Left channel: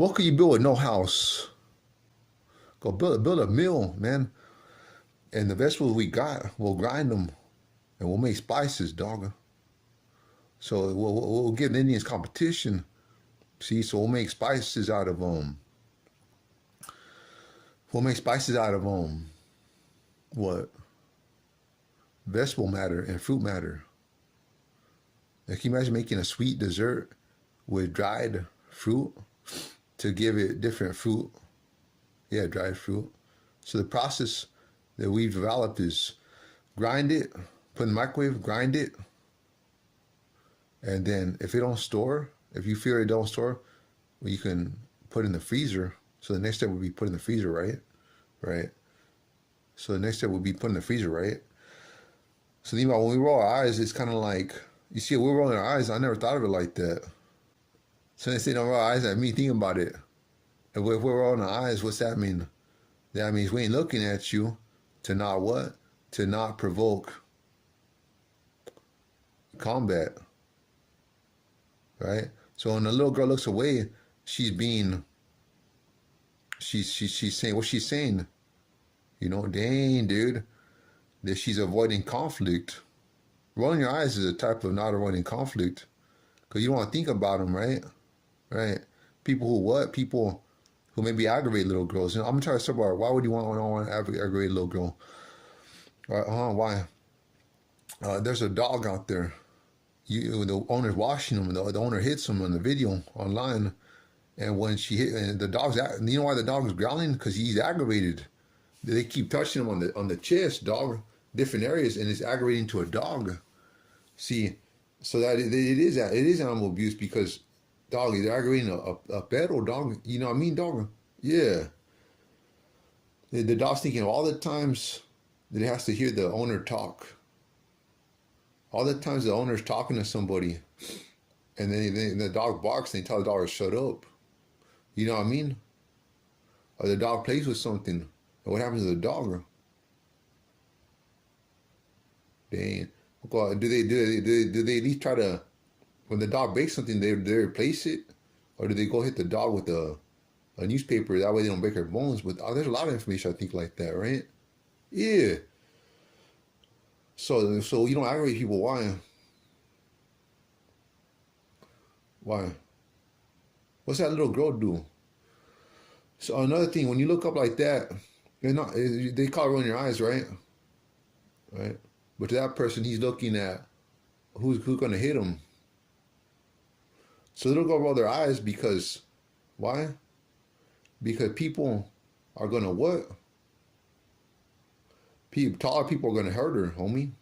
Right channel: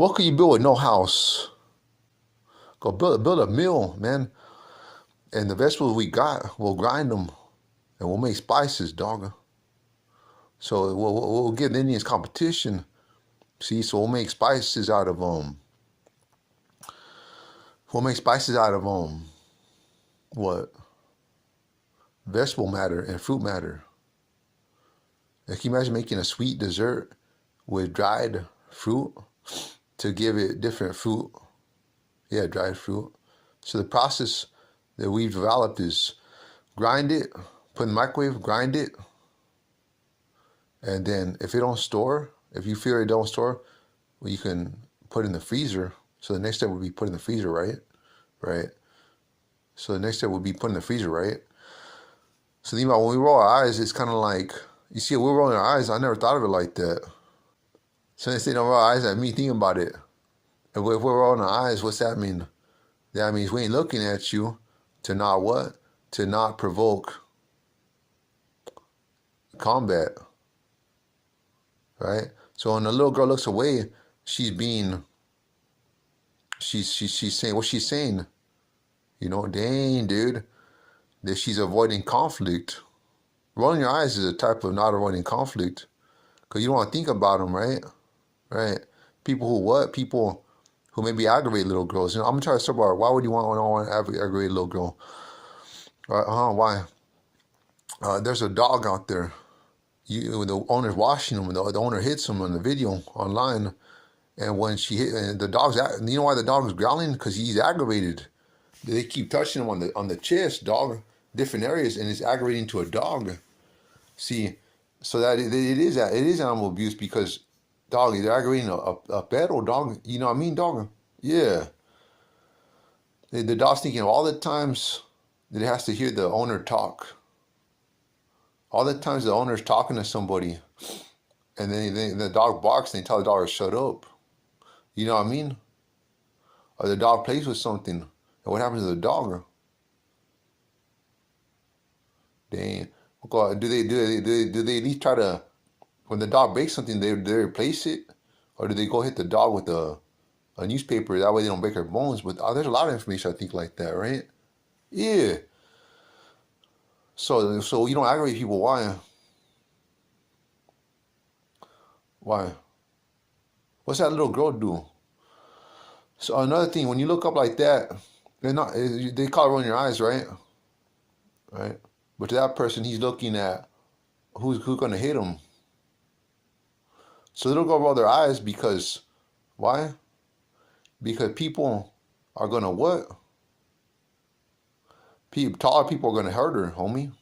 What could you build with no house? Go build a mill, man. And the vegetables we got, we'll grind them and we'll make spices, dog. So we'll give the Indians competition. See, so we'll make spices out of we'll make spices out of what? Vegetable matter and fruit matter. And can you imagine making a sweet dessert with dried fruit to give it different fruit? Yeah, dried fruit. So the process that we've developed is grind it, put in the microwave, grind it, and then if it don't store, if you feel it don't store, well, you can put it in the freezer. So the next step would be put in the freezer, right? Right. So the next step would be put in the freezer, right? So think about when we roll our eyes, it's kind of like, you see, we're rolling our eyes. I never thought of it like that. So they say don't roll our eyes at me thinking about it. If we're rolling our eyes, what's that mean? That means we ain't looking at you to not what? To not provoke combat, right? So when the little girl looks away, she's saying what she's saying. You know, dang, dude, that she's avoiding conflict. Rolling your eyes is a type of not avoiding conflict, because you don't want to think about them, right? Right. People who what? People who maybe aggravate little girls. You know, I'm gonna try to talk about why would you want to aggravate a little girl? Why? There's a dog out there. The owner's washing him, and the owner hits him on the video online. And when she hit, and the dog's, you know why the dog is growling? Because he's aggravated. They keep touching him on the chest, dog, different areas, and it's aggravating to a dog. See, so that it is animal abuse because, dog, they're aggravating a pet or dog. You know what I mean, dog? Yeah. The dog's thinking of all the times that it has to hear the owner talk. All the times the owner's talking to somebody, and then the dog barks and they tell the dog to shut up. You know what I mean? Or the dog plays with something, and what happens to the dog? Dang. Do they at least try to, when the dog breaks something, they replace it, or do they go hit the dog with a newspaper? That way they don't break their bones. But there's a lot of information I think like that, right? Yeah. So you don't aggravate people. Why? Why? What's that little girl do? So another thing, when you look up like that, they call it rolling your eyes, right? Right. But to that person, he's looking at who's gonna hit him. So they don't go roll their eyes because why? Because people are gonna what? Taller people are gonna hurt her, homie.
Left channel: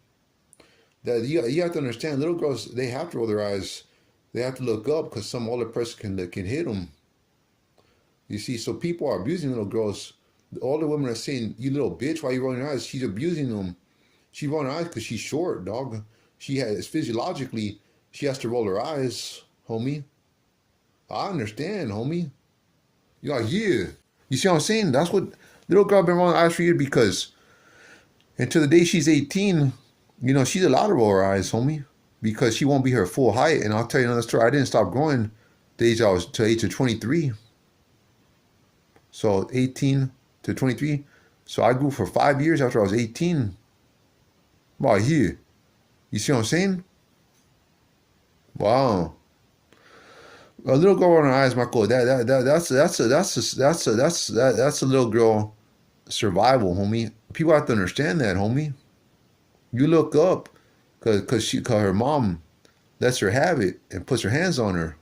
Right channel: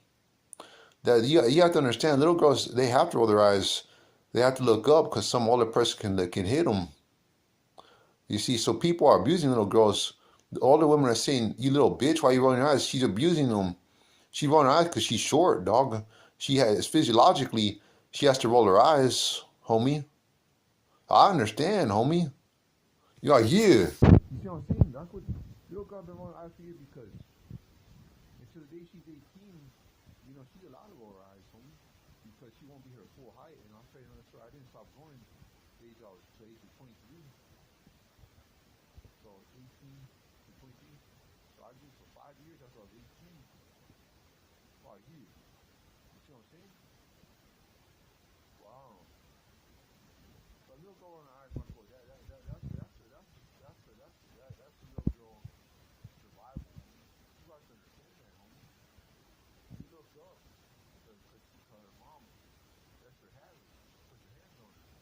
That you have to understand. Little girls, they have to roll their eyes. They have to look up because some older person can hit them. You see, so people are abusing little girls. The older women are saying, "You little bitch, why you rolling your eyes?" She's abusing them. She's rolling her eyes because she's short, dog. She has physiologically, she has to roll her eyes, homie. I understand, homie. You're like, yeah. You see what I'm saying? That's what little girl been rolling her eyes for you because until the day she's 18, you know, she's allowed to roll her eyes, homie, because she won't be her full height. And I'll tell you another story. I didn't stop growing the age I was to the age of 23. So 18 to 23. So I grew for 5 years after I was 18. Wow, here. You see what I'm saying? Wow. A little girl on her eyes, Marco. That's a little girl survival, homie. People have to understand that, homie. You look up, cause her mom lets her have it and puts her hands on her.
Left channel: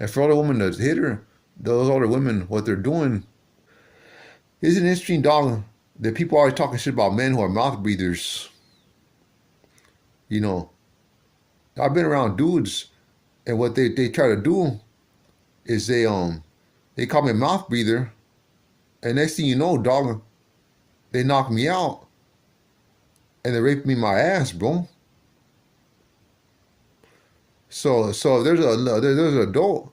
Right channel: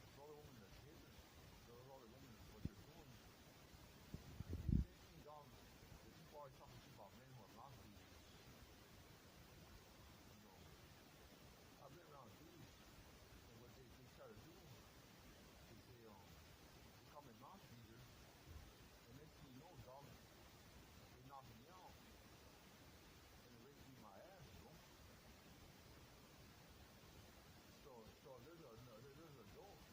And for older women to hit her, those older women, what they're doing is an interesting, dog. That people are always talking shit about men who are mouth breathers. You know, I've been around dudes, and what they try to do is they call me a mouth breather, and next thing you know, dog, they knock me out, and they rape me my ass, bro. So there's an adult,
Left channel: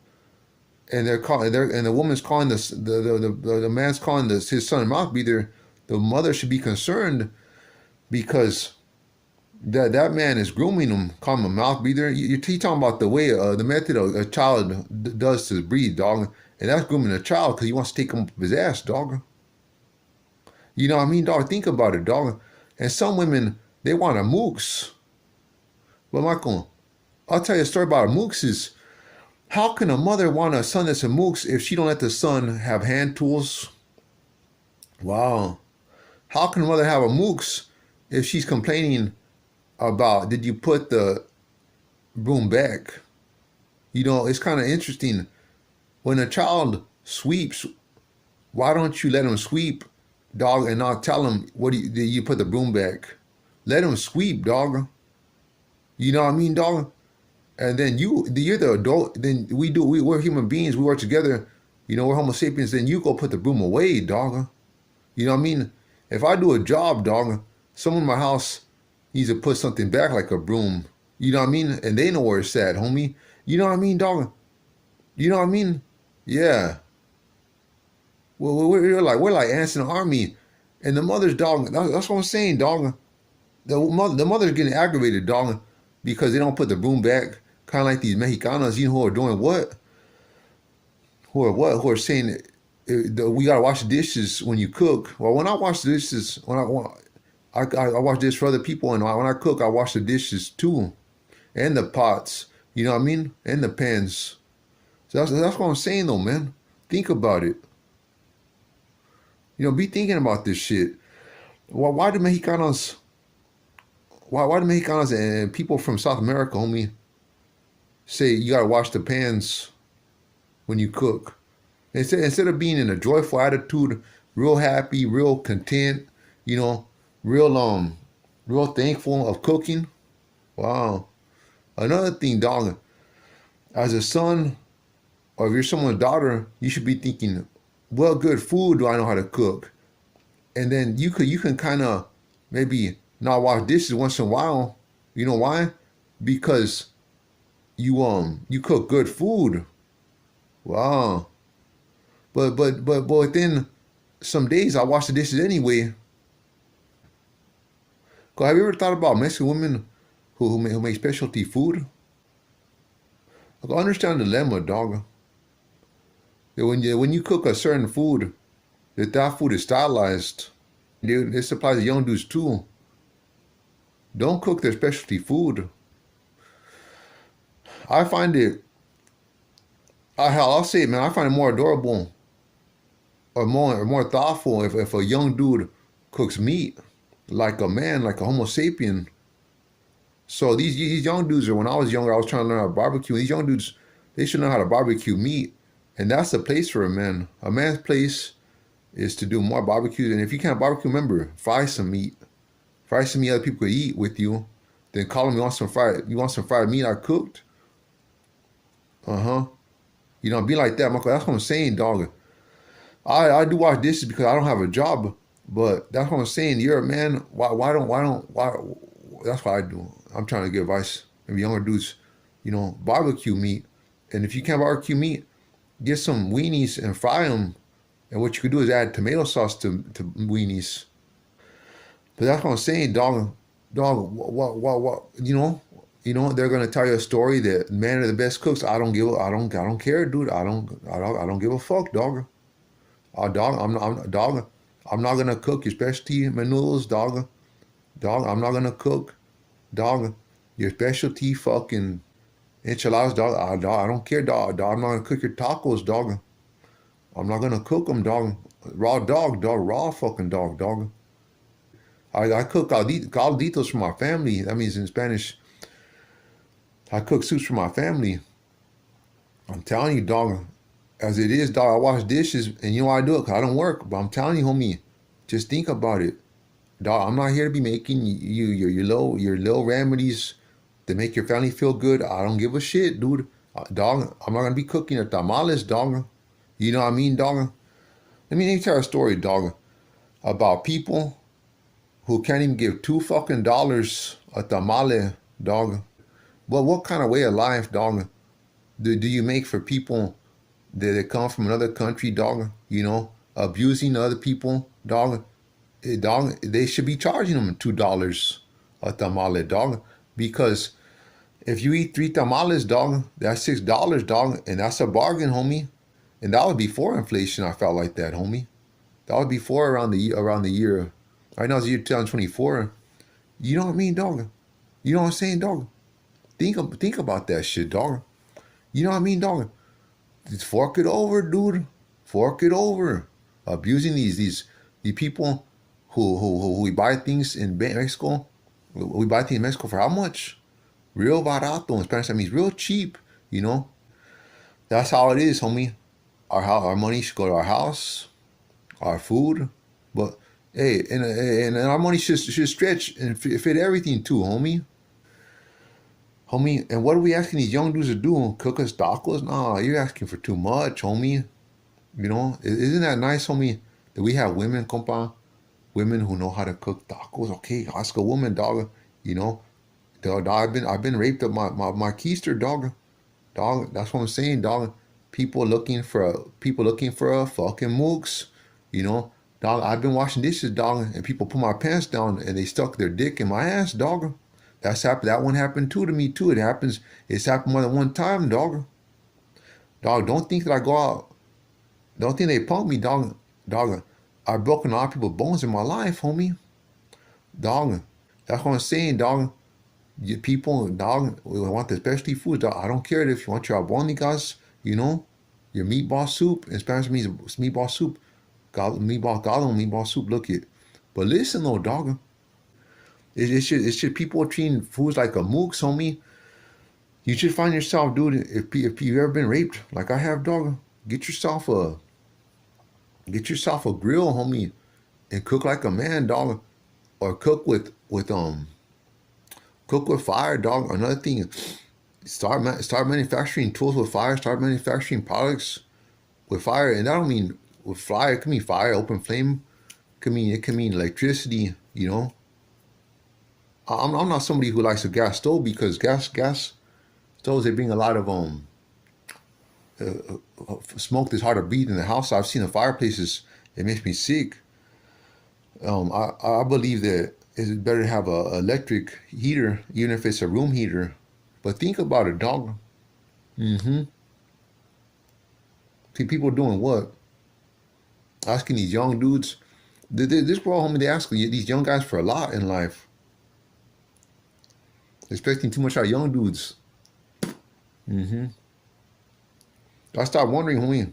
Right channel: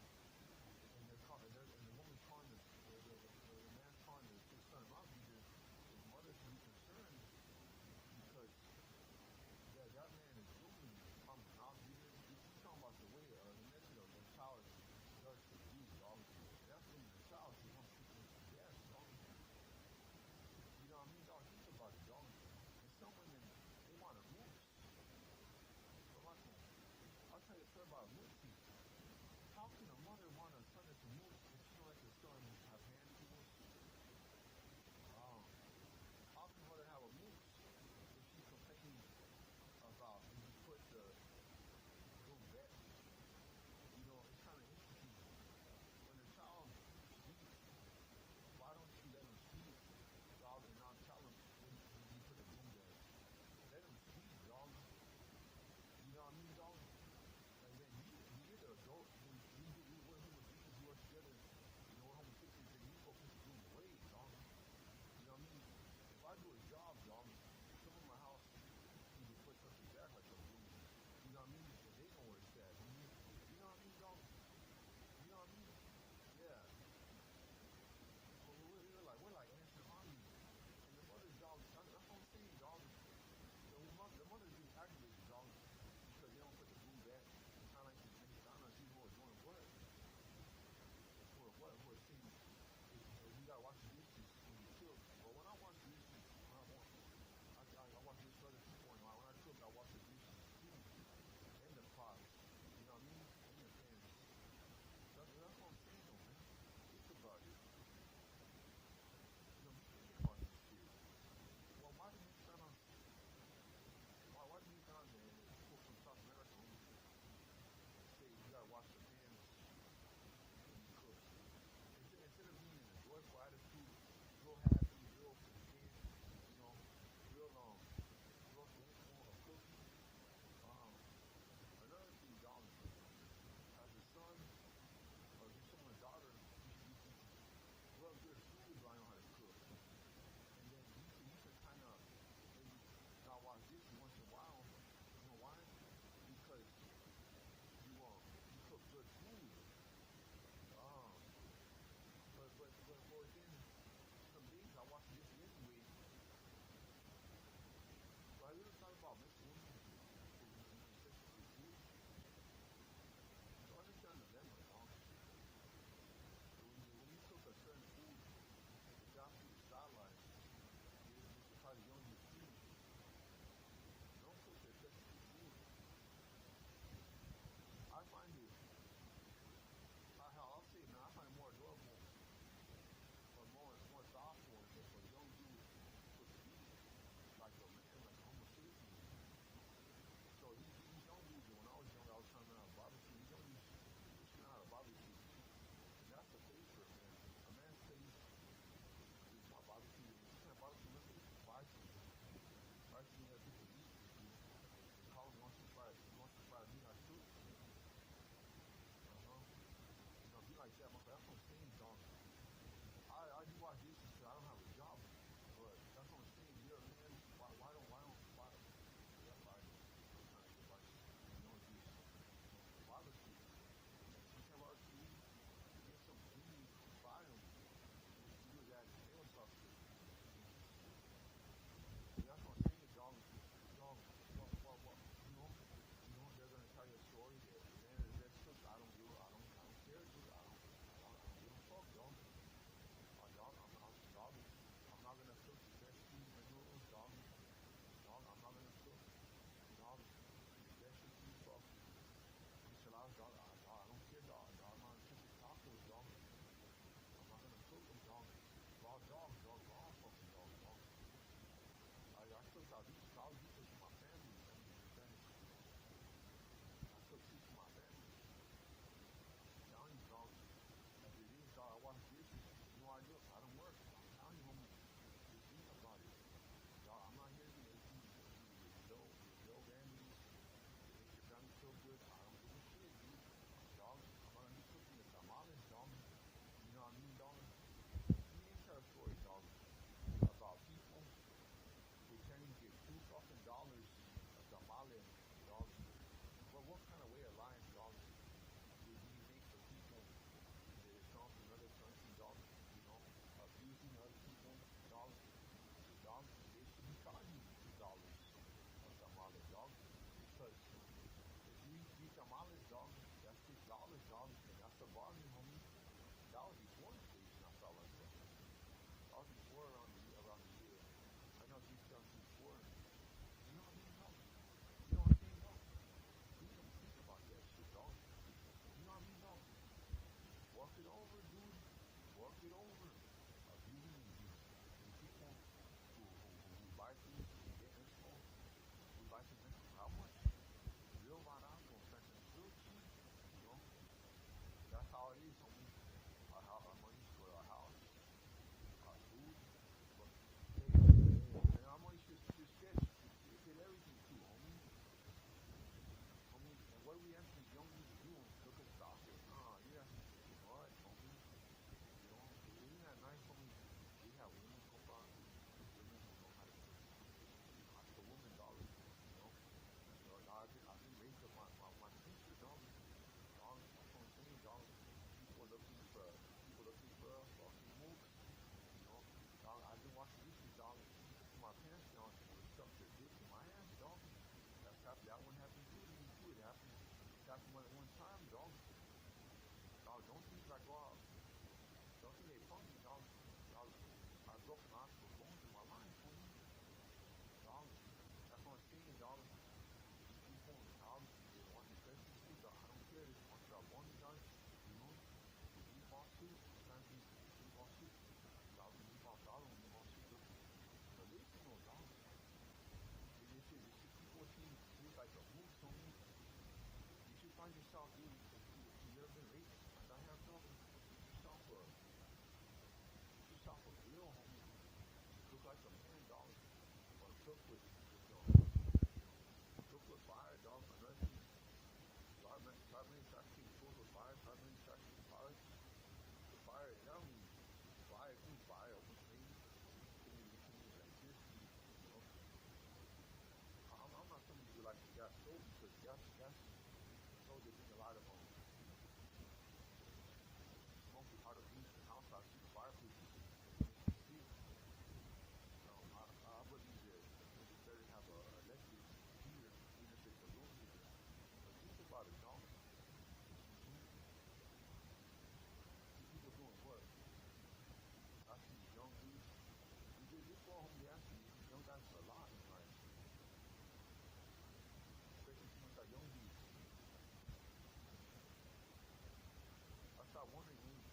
and and the woman's calling the man's calling his son a mouth breather. The mother should be concerned because That man is grooming him, calling him a mouth breather. You talking about the way, the method a child does to breathe, dog, and that's grooming a child because he wants to take him up his ass, dog. You know what I mean, dog? Think about it, dog. And some women they want a mooks. But Michael, I'll tell you a story about a mooks is how can a mother want a son that's a mooks if she don't let the son have hand tools? Wow. How can a mother have a mooks if she's complaining about did you put the broom back? You know, it's kind of interesting. When a child sweeps, why don't you let him sweep, dog, and not tell him what did you put the broom back? Let him sweep, dog. You know what I mean, dog? And then you're the adult. Then we're human beings. We work together. You know, we're Homo sapiens. Then you go put the broom away, dog. You know what I mean? If I do a job, dog, someone in my house needs to put something back like a broom. You know what I mean? And they know where it's at, homie. You know what I mean, dog? You know what I mean? Yeah. Well, we're like ants in an army, and the mother's dog. That's what I'm saying, dog. The mother's getting aggravated, dog, because they don't put the broom back. Kind of like these Mexicanos, you know, who are doing what? Who are saying we gotta wash the dishes when you cook. Well, when I wash the dishes, I wash dishes for other people, and when I cook, I wash the dishes too, and the pots. You know what I mean? And the pans. So that's what I'm saying, though, man. Think about it. You know, be thinking about this shit. Why do Mexicanos? Why do Mexicanos and people from South America, homie, say you gotta wash the pans when you cook? Instead of being in a joyful attitude, real happy, real content, you know, real real thankful of cooking. Wow. Another thing, dog, as a son or if you're someone's daughter, you should be thinking, what good food do I know how to cook? And then you can kind of maybe not wash dishes once in a while. You know why? Because you cook good food. Wow. But within some days I wash the dishes anyway. Cause have you ever thought about Mexican women who make specialty food? Like, I understand the dilemma, dog. That when you cook a certain food, that food is stylized. Dude, this applies to young dudes too. Don't cook their specialty food. I find it. I'll say it, man. I find it more adorable or more thoughtful if a young dude cooks meat like a man, like a Homo sapien. So these young dudes are. When I was younger, I was trying to learn how to barbecue. These young dudes, they should know how to barbecue meat, and that's the place for a man. A man's place is to do more barbecues. And if you can't barbecue, remember, fry some meat. Fry some meat other people could eat with you. Then call them. You want some fried meat I cooked? Uh-huh. You know, be like that, Michael. That's what I'm saying, dog. I do wash dishes because I don't have a job, but that's what I'm saying. You're a man. Why? That's what I do. I'm trying to give advice. Maybe younger dudes, barbecue meat. And if you can't barbecue meat, get some weenies and fry them. And what you could do is add tomato sauce to weenies. But that's what I'm saying, dog. Dog, what? They're gonna tell you a story that men are the best cooks. I don't care, dude. I don't give a fuck, dog. Dog, dog. I'm not gonna cook your specialty noodles, dog. Dog, I'm not gonna cook, dog. Your specialty fucking enchiladas, dog. I don't care, dog. I'm not gonna cook your tacos, dog. I'm not gonna cook them, dog. Raw dog, dog. Raw fucking dog. I cook calditos for my family. That means in Spanish, I cook soups for my family. I'm telling you, dog. As it is, dog, I wash dishes, and you know why I do it? Cause I don't work. But I'm telling you, homie, just think about it, dog. I'm not here to be making your little remedies to make your family feel good. I don't give a shit, dude. Dog, I'm not gonna be cooking your tamales, dog. You know what I mean, dog? Let me tell you a story, dog, about people who can't even give $2 fucking a tamale, dog. Well, what kind of way of life, dog, do you make for people that come from another country, dog? Abusing other people, dog. Dog, they should be charging them $2. a tamale, dog. Because if you eat three tamales, dog, that's $6, dog, and that's a bargain, homie. And that was before inflation. I felt like that, homie. That was before around the year. Right now it's the year 2024. You know what I mean, dog? You know what I'm saying, dog? Think about that shit, dog. You know what I mean, dog? Just fork it over, dude. Fork it over. Abusing these people who we buy things in Mexico. We buy things in Mexico for how much? Real barato in Spanish. That means real cheap. You know. That's how it is, homie. Our money should go to our house, our food, but hey, and our money should stretch and fit everything too, homie. Homie, and what are we asking these young dudes to do? Cook us tacos? Nah, you're asking for too much, homie. You know, isn't that nice, homie, that we have women, compa, women who know how to cook tacos? Okay, ask a woman, dog. You know, dog, I've been raped of my keister, dog. Dog, that's what I'm saying, dog. People looking for a fucking mooks, you know. Dog, I've been washing dishes, dog, and people put my pants down and they stuck their dick in my ass, dog. That's happened. That one happened too to me too. It happens. It's happened more than one time, dog. Dog, don't think that I go out. Don't think they punk me, dog. Dog, I've broken a lot of people's bones in my life, homie. Dog, that's what I'm saying, dog. People, dog, we want the specialty foods. Dog. I don't care if you want your albóndigas, you know, your meatball soup. In Spanish means meatball soup. Meatball soup. Look it. But listen though, dog. It should people treating foods like a mooks, homie. You should find yourself, dude. If you've ever been raped, like I have, dog, get yourself a grill, homie, and cook like a man, dog, or cook with fire, dog. Another thing, start manufacturing tools with fire. Start manufacturing products with fire, and I don't mean with fire. It can mean fire, open flame. It can mean electricity. You know, I'm not somebody who likes a gas stove because gas stoves they bring a lot of smoke that's hard to breathe in the house. I've seen the fireplaces. It makes me sick. I believe that it's better to have a electric heater, even if it's a room heater. But think about it, dog. Mm-hmm. See, people doing what? Asking these young dudes. This world, homie, they ask these young guys for a lot in life. Expecting too much out of young dudes. Mm-hmm. I start wondering, homie,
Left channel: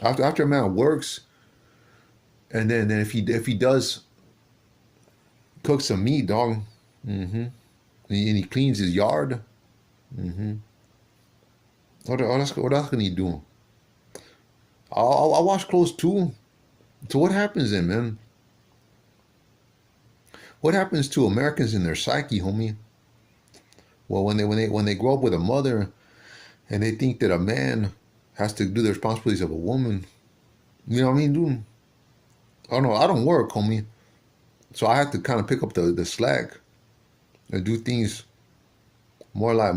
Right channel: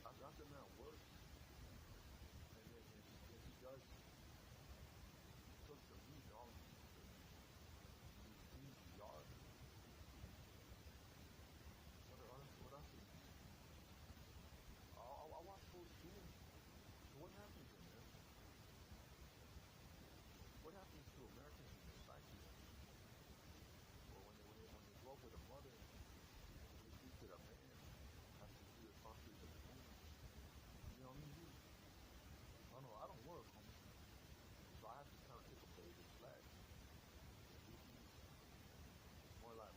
after a man works, and then if he does cook some meat, dog, mm-hmm, and he cleans his yard, mm-hmm, what else can he do? I'll wash clothes too. So what happens then, man? What happens to Americans in their psyche, homie? Well, when they grow up with a mother, and they think that a man has to do the responsibilities of a woman, you know what I mean, dude? I don't know. I don't work, homie, so I have to kind of pick up the slack and do things more like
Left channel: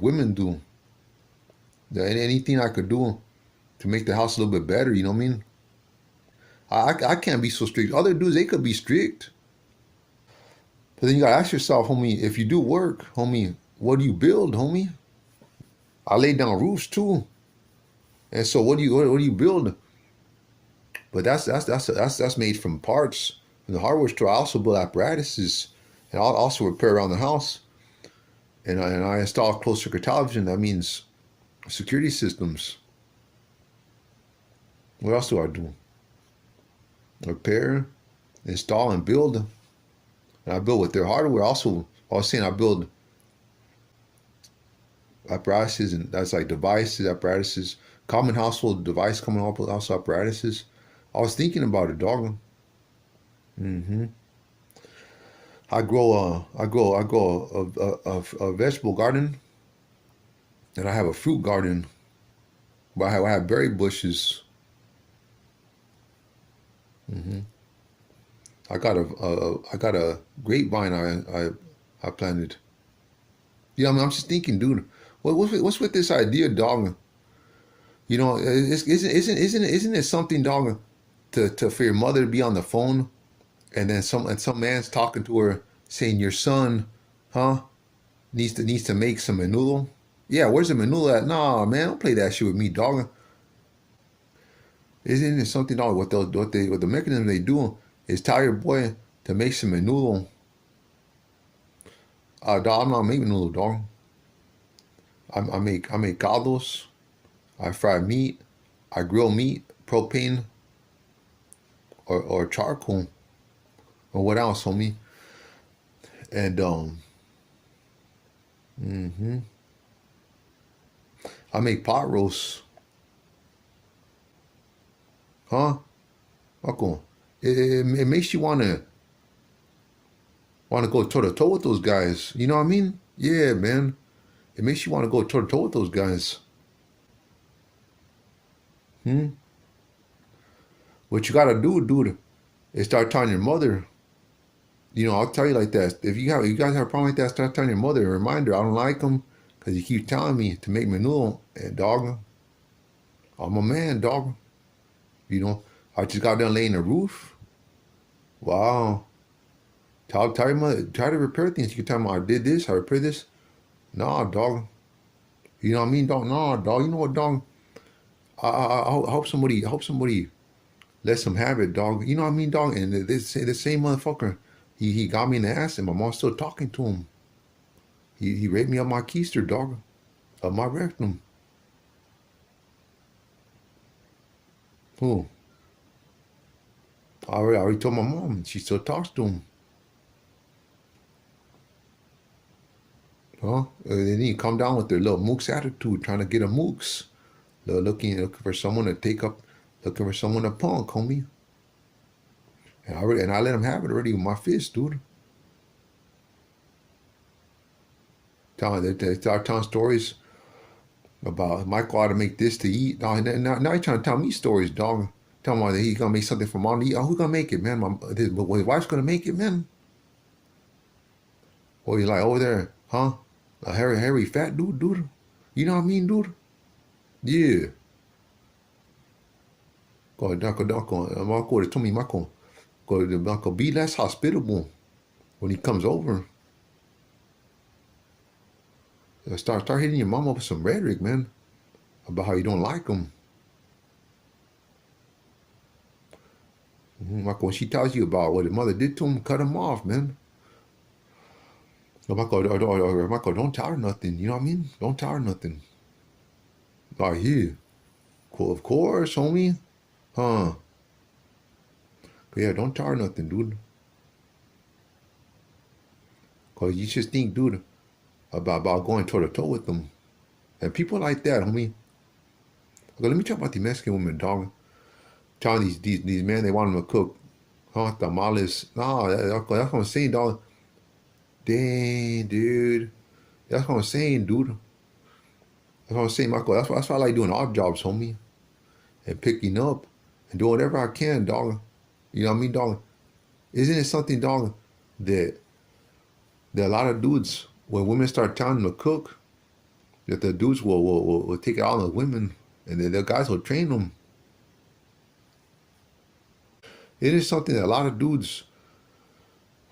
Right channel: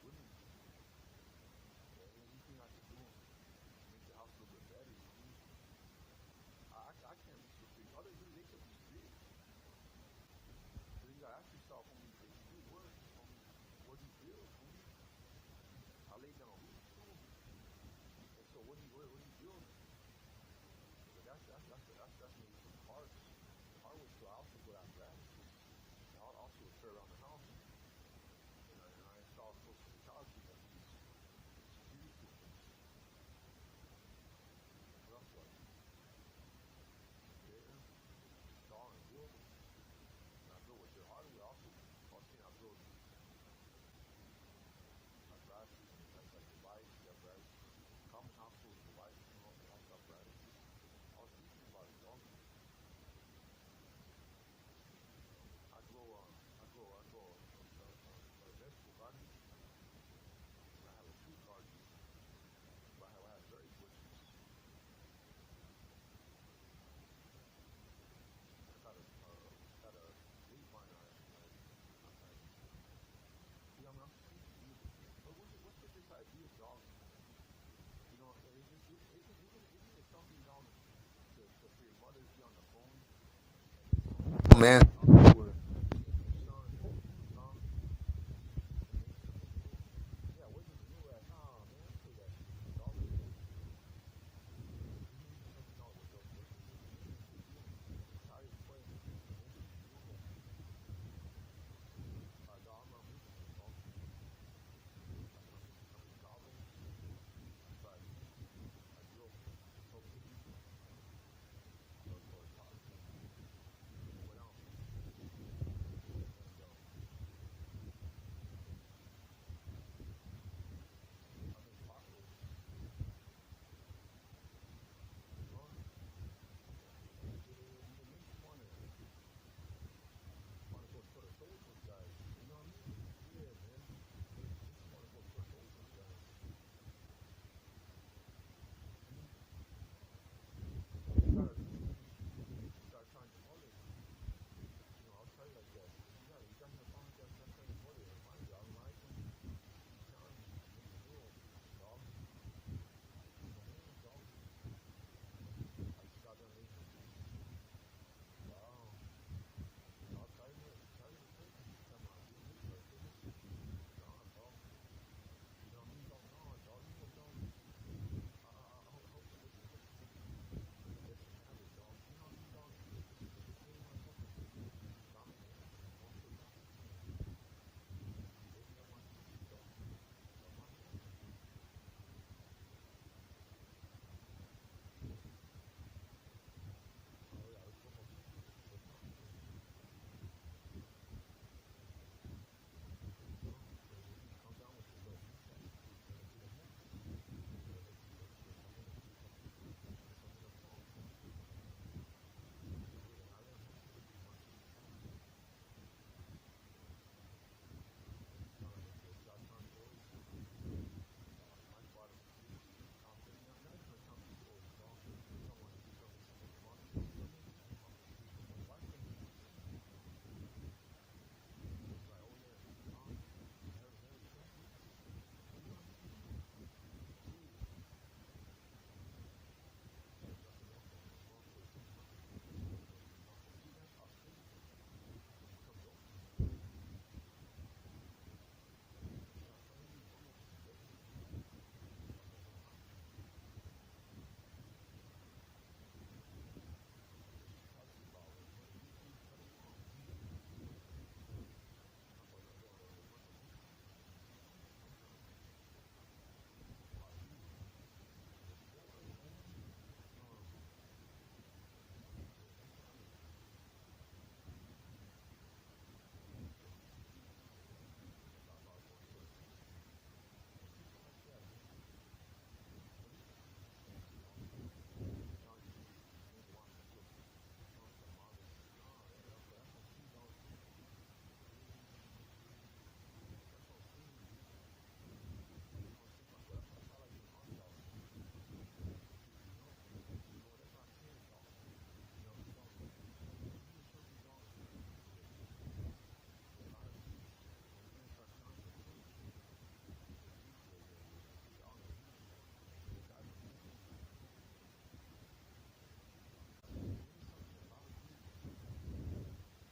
women do. Anything I could do to make the house a little bit better, you know what I mean? I can't be so strict. Other dudes, they could be strict. But then you gotta ask yourself, homie, if you do work, homie, what do you build, homie? I lay down roofs too. And so what do you build? But that's made from parts from the hardware store. I also build apparatuses and I'll also repair around the house. And I install closed circuit television. That means security systems. What else do I do? Repair, install, and build. And I build with their hardware. Also, I was saying I build apparatuses, and that's like devices, apparatuses, common household device, common household apparatuses. I was thinking about it, dog. Mm-hmm. I grow a vegetable garden, and I have a fruit garden. But I have berry bushes. Mm-hmm. I got a grapevine I planted. Yeah, I mean, I'm just thinking, dude, what's with this idea, dog? You know, isn't it something, dog, to for your mother to be on the phone And then some man's talking to her saying your son, huh, needs to make some menudo. Yeah, where's the menudo at? Nah, man, don't play that shit with me, dog. Isn't it something, dog? What the mechanism they do is tell your boy to make some menudo. Dog, I'm not making menudo, dog. I make caldos. I fry meat. I grill meat, propane or charcoal or what else, homie. And hmm I make pot roasts, huh? Uncle, it makes you wanna go toe to toe with those guys. You know what I mean? Yeah, man. It makes you want to go toe to toe with those guys. Hmm? What you gotta do, dude, is start telling your mother. I'll tell you like that. If you guys have a problem like that, start telling your mother. A reminder, I don't like them because you keep telling me to make menudo. And dog, I'm a man, dog. You know, I just got done laying the roof. Wow. Tell your mother, try to repair things. You can tell them I did this, I repaired this. Nah, dog. You know what I mean, dog? Nah, dog. You know what, dog? I hope somebody lets him have it, dog. You know what I mean, dog? And the same motherfucker, he got me in the ass, and my mom's still talking to him. He raped me up my keister, dog, up my rectum. Who? I already told my mom, and she still talks to him. Huh? They need to come down with their little mooks attitude, trying to get a mooks. Looking for someone to take up, looking for someone to punk, homie. And I let him have it already with my fist, dude. They start telling stories about Michael ought to make this to eat. Dog. Now he's trying to tell me stories, dog. Tell me that he's gonna make something for mom to eat. Oh, who's gonna make it, man? His wife's gonna make it, man. Or he's like over there, huh? A hairy fat dude. You know what I mean, dude? Yeah. Marco told me Marco be less hospitable when he comes over. Start hitting your mom up with some rhetoric, man, about how you don't like him. Marco, when she tells you about what his mother did to him, cut him off, man. Marco, don't tell her nothing. You know what I mean? Don't tell her nothing. Like, yeah. Cool, of course, homie. Huh. But yeah, don't tell her nothing, dude. Because you just think, dude, about going toe to toe with them. And people like that, homie. Okay, let me talk about the Mexican women, dog. Telling these men they want them to cook, huh? Tamales. No, that's what I'm saying, dog. Dang, dude. That's what I'm saying, dude. That's what I'm saying, Michael. That's why I like doing odd jobs, homie. And picking up and doing whatever I can, dog. You know what I mean, dog? Isn't it something, dog, that a lot of dudes, when women start telling them to cook, that the dudes will take it out on the women and then the guys will train them. It is something that a lot of dudes,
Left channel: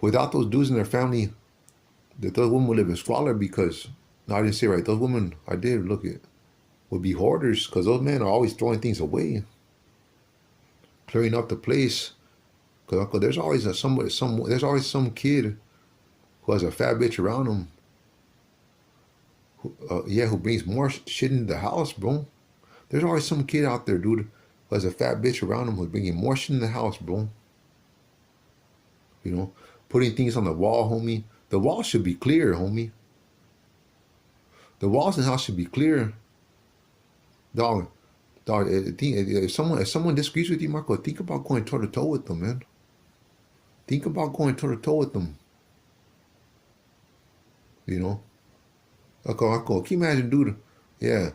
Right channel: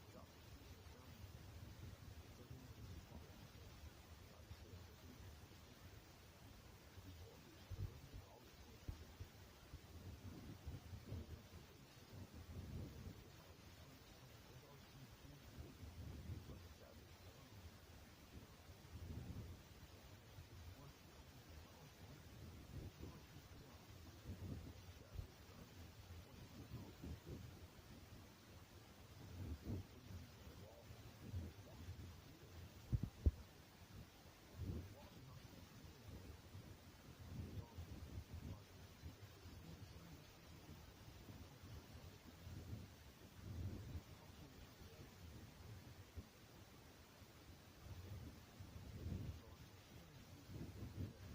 without those dudes in their family, that those women would live in squalor because, no, I didn't say right, those women, I did look at, would be hoarders because those men are always throwing things away, clearing up the place. Because there's always there's always some kid who has a fat bitch around him. Who brings more shit into the house, bro. There's always some kid out there, dude, who has a fat bitch around him who's bringing more shit in the house, bro. You know, putting things on the wall, homie. The wall should be clear, homie. The walls in the house should be clear, dog. Dog, if someone disagrees with you, Marco, think about going toe to toe with them, man. Think about going toe to toe with them. You know, Marco, can you imagine, dude? Yeah,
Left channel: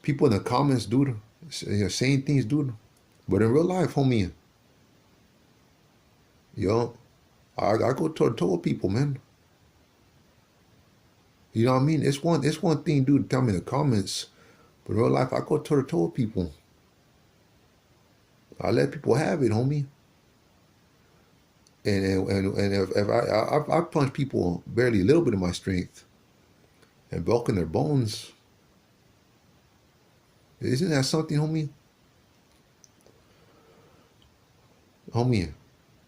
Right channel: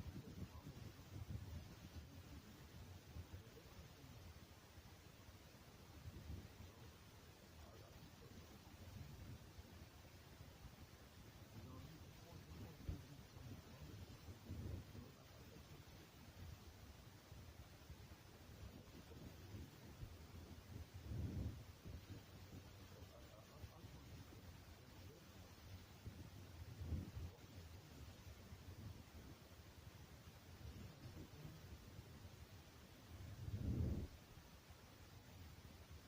people in the comments, dude, saying things, dude. But in real life, homie, yo, I go toe to toe with people, man. You know what I mean? It's one thing, dude, tell me in the comments, but in real life, I go toe to toe with people. I let people have it, homie. And if I punch people barely a little bit of my strength and broken their bones, isn't that something, homie? Homie,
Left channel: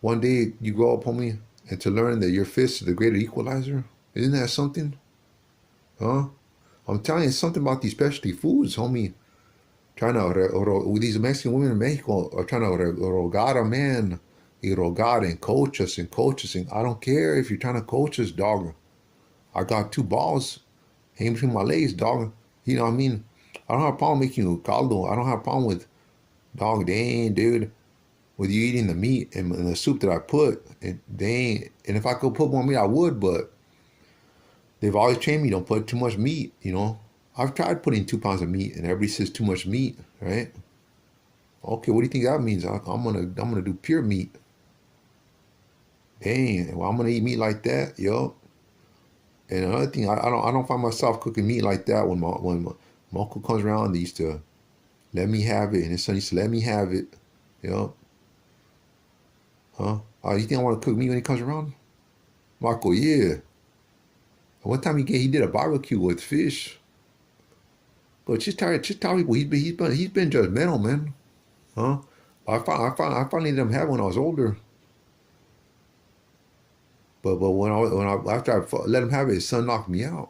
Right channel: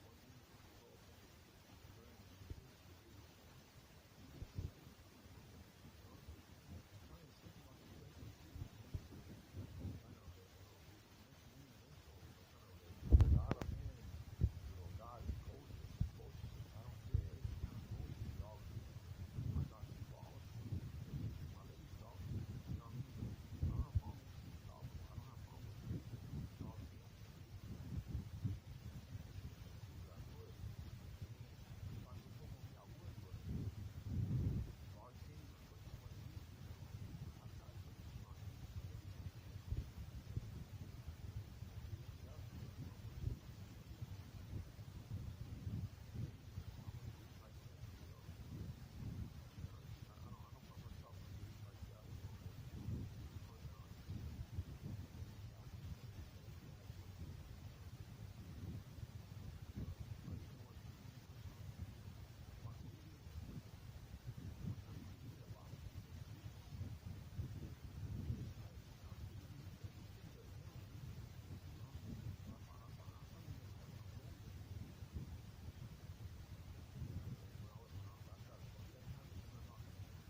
one day you grow up, homie, and to learn that your fist is the greater equalizer, isn't that something? Huh? I'm telling you, it's something about these specialty foods, homie. Trying to, these Mexican women in Mexico are trying to rogar a man, y rogar and coach us and coach us. And I don't care if you're trying to coach us, dog. I got two balls hanging between my legs, dog. You know what I mean? I don't have a problem making you caldo. I don't have a problem with, dog, dang, dude, with you eating the meat and the soup that I put. And dang, and if I could put more meat, I would, but they've always trained me don't put too much meat, you know? I've tried putting 2 pounds of meat, and everybody says too much meat, right? Okay, what do you think that means? I'm gonna do pure meat. Dang, well, I'm gonna eat meat like that, yo. And another thing, I don't find myself cooking meat like that when my uncle comes around. They used to let me have it, and his son used to let me have it, yo. Huh? You think I want to cook meat when he comes around? Marco, yeah. One time he did a barbecue with fish, but just tell people he's been judgmental, man. Huh? I finally let him have it when I was older. But after I let him have it, his son knocked me out.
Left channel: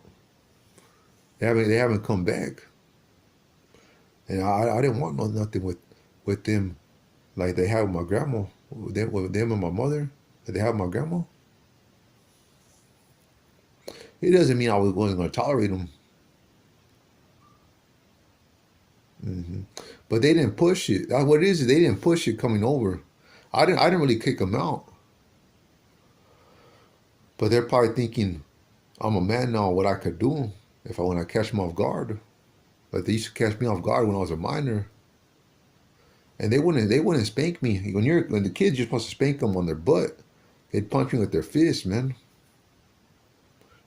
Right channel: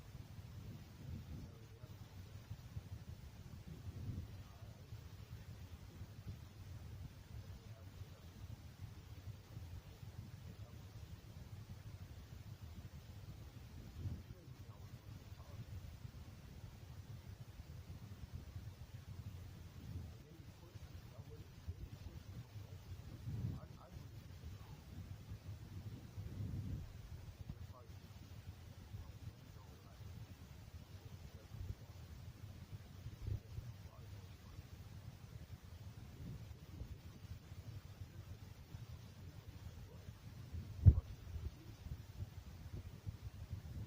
They haven't come back, and I didn't want nothing with them like they have with my grandma, with them and my mother. That they have my grandma. It doesn't mean I wasn't going to tolerate them. Hmm. But they didn't push it. What it is they didn't push it coming over. I didn't really kick them out. But they're probably thinking I'm a man now. What I could do if I when I catch them off guard. But they used to catch me off guard when I was a minor, and they wouldn't spank me. When the kids, you're supposed to spank them on their butt. They'd punch me with their fists, man,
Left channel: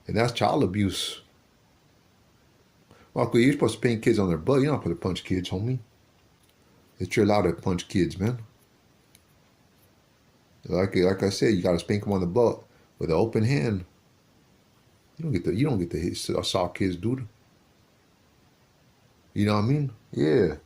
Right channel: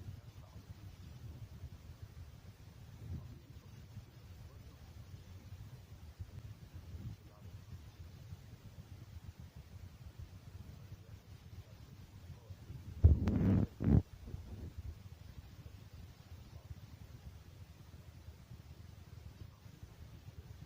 and that's child abuse. Well, you're supposed to spank kids on their butt. You're not supposed to punch kids, homie. That you're allowed to punch kids, man. Like I said, you gotta spank them on the butt with an open hand. You don't get to hit soft kids, dude. You know what I mean? Yeah.